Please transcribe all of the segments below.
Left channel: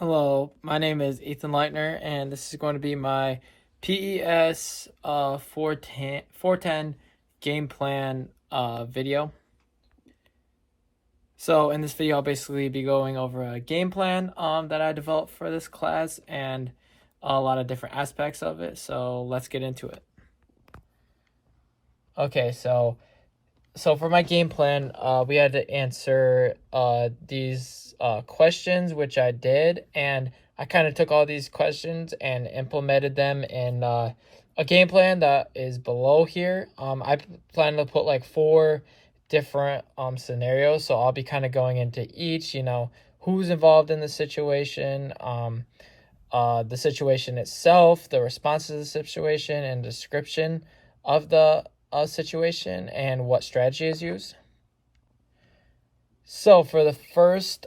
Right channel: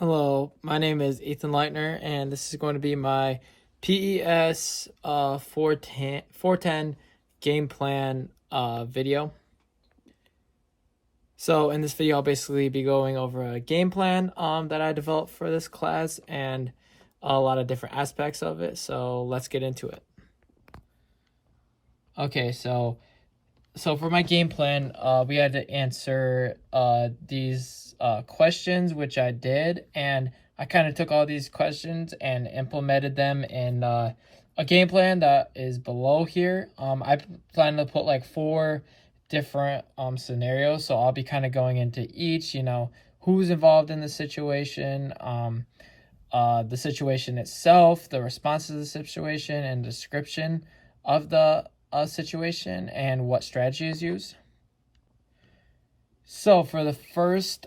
Hello, my name is Ethan Leitner, and this is going to be my PES 410 game plan video. So in this video, I'll basically be going over a game plan that I developed for this class and a lot of different aspects of it. So let's get into it. Okay, so for my game plan, we had to answer these questions, which I did, and I kind of took all these questions and implemented them in a game plan that is below here. I plan to put like 4 different scenarios, so I'll be kind of going into each, who's involved in the situation, the situation itself, the response to the situation, and description of the situation and what strategy is used. So for the first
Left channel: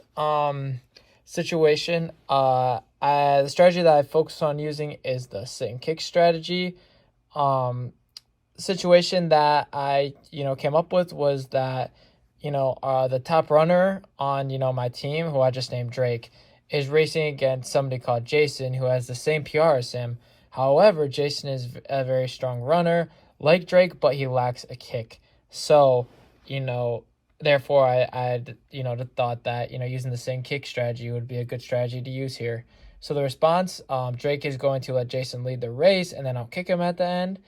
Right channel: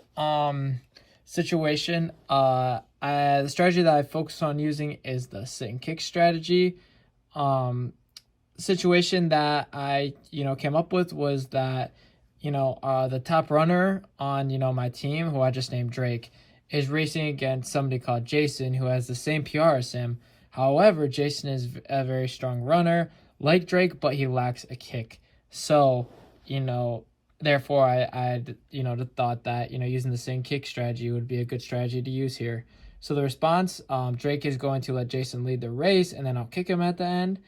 situation, the strategy that I focus on using is the sit and kick strategy. Situation that I came up with was that the top runner on my team, who I just named Drake, is racing against somebody called Jason, who has the same PR as him. However, Jason is a very strong runner like Drake, but he lacks a kick. So, therefore I thought that, using the same kick strategy would be a good strategy to use here. So the response, Drake is going to let Jason lead the race, and then I'll kick him at the end.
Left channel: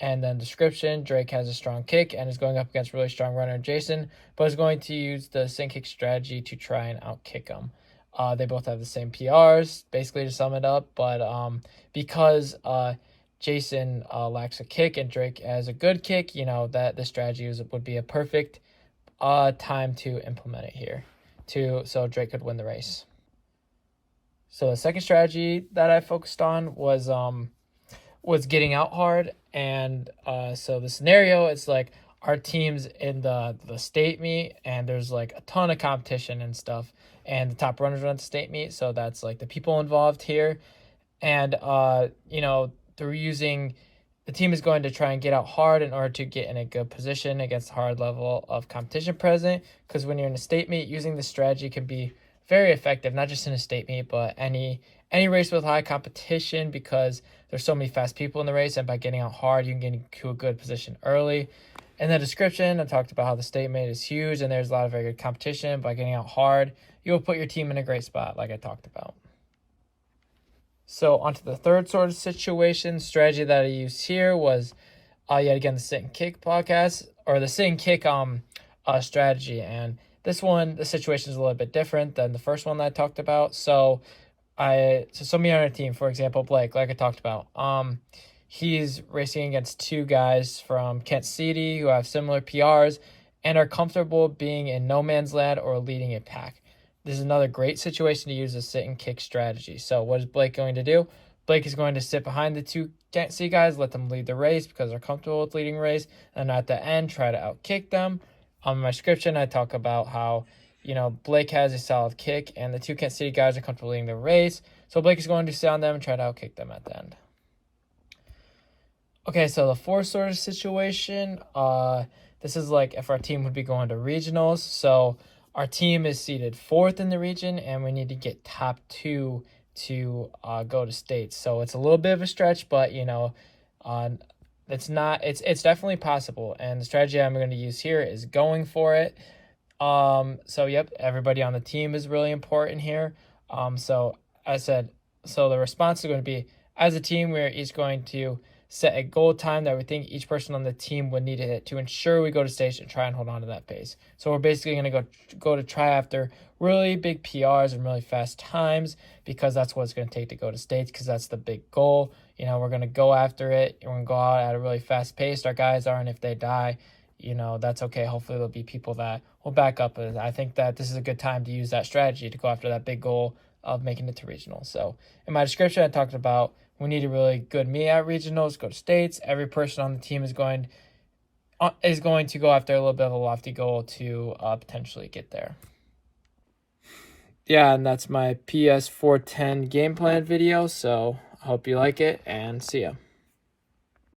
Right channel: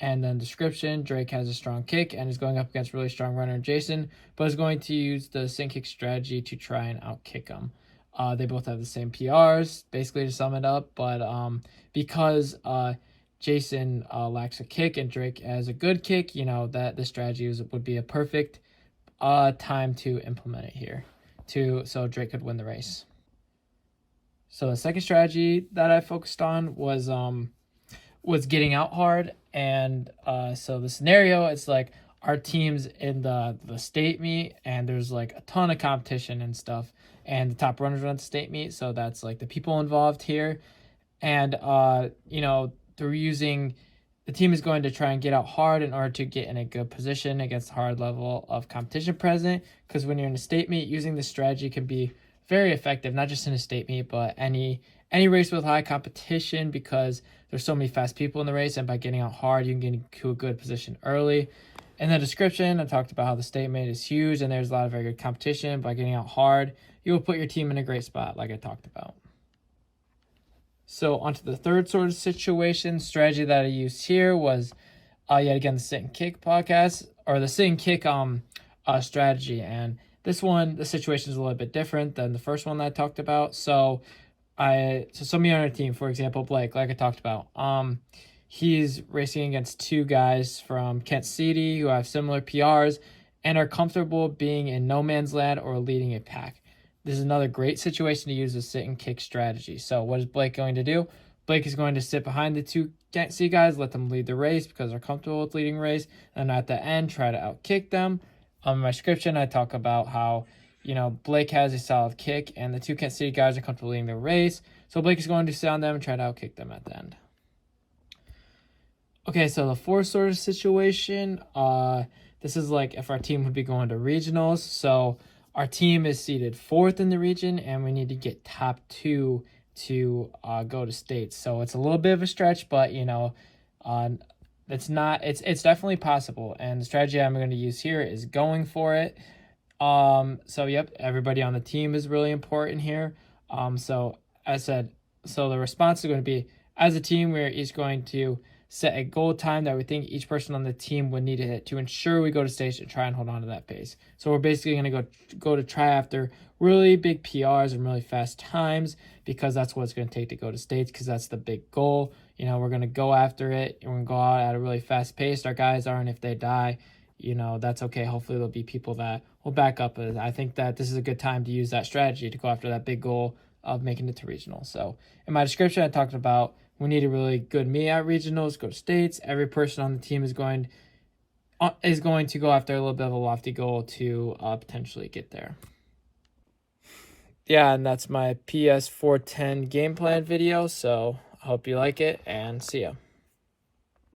And then description, Drake has a strong kick and is going up against really strong runner Jason, but is going to use the same kick strategy to try and outkick him. They both have the same PRs, basically, to sum it up, but because Jason lacks a kick and Drake has a good kick, that the strategy would be a perfect time to implement it here, so Drake could win the race. So the second strategy that I focused on was getting out hard, and so the scenario is like our team's in the state meet, and there's like a ton of competition and stuff, and the top runners run the state meet, so that's like the people involved here, and the team is going to try and get out hard in order to get in a good position against the hard level of competition present, because when you're in a state meet, using this strategy can be very effective, not just in a state meet, but any race with high competition, because there's so many fast people in the race, and by getting out hard, you can get into a good position early. In the description, I talked about how the state meet is huge, and there's a lot of very good competition. By getting out hard, you'll put your team in a great spot, like I talked about. So onto the third sort of situation, strategy that I used here was, yet again, the sit and kick podcast, or the sit and kick strategy. And this one, the situation is a little bit different than the first one that I talked about. So somebody on our team, for example, Blake, like I talked about, he's racing against 2 guys from Kent City who have similar PRs and are comfortable being in no man's land or leading a pack. This is another great situation to use a sit and kick strategy. So what is Blake going to do? Blake is going to sit behind the 2 Kent City guys, let them lead the race because they're comfortable with leading race, and at the end, try to outkick them. On my description, I talk about how, Blake has a solid kick, and the 2 Kent City guys are comfortable leading the race. So Blake is going to sit on them and try to outkick them at the end. Okay, so the fourth sort of situation, this is like if our team would be going to regionals. So our team is seeded 4th in the region, and we need to get top 2 to go to states. So it's a little bit of a stretch, but it's definitely possible. And the strategy I'm going to use here is going for it. So yep, everybody on the team is really important here. So the response is going to be, as a team, we're each going to set a goal time that we think each person on the team would need to hit to ensure we go to stage and try and hold on to that pace. So we're basically going to go to try after really big PRs and really fast times, because that's what it's going to take to go to states, because that's the big goal. We're going to go after it, and we're going to go out at a really fast pace. Our guys are, and if they die, that's okay. Hopefully there'll be people that will back up. And I think that this is a good time to use that strategy to go after that big goal of making it to regionals. So in my description, I talked about we need a really good meet at regionals, go to states. Every person on the team is going to go after a little bit of a lofty goal to potentially get there. Yeah, and that's my PS 410 game plan video. So I hope you like it, and see ya.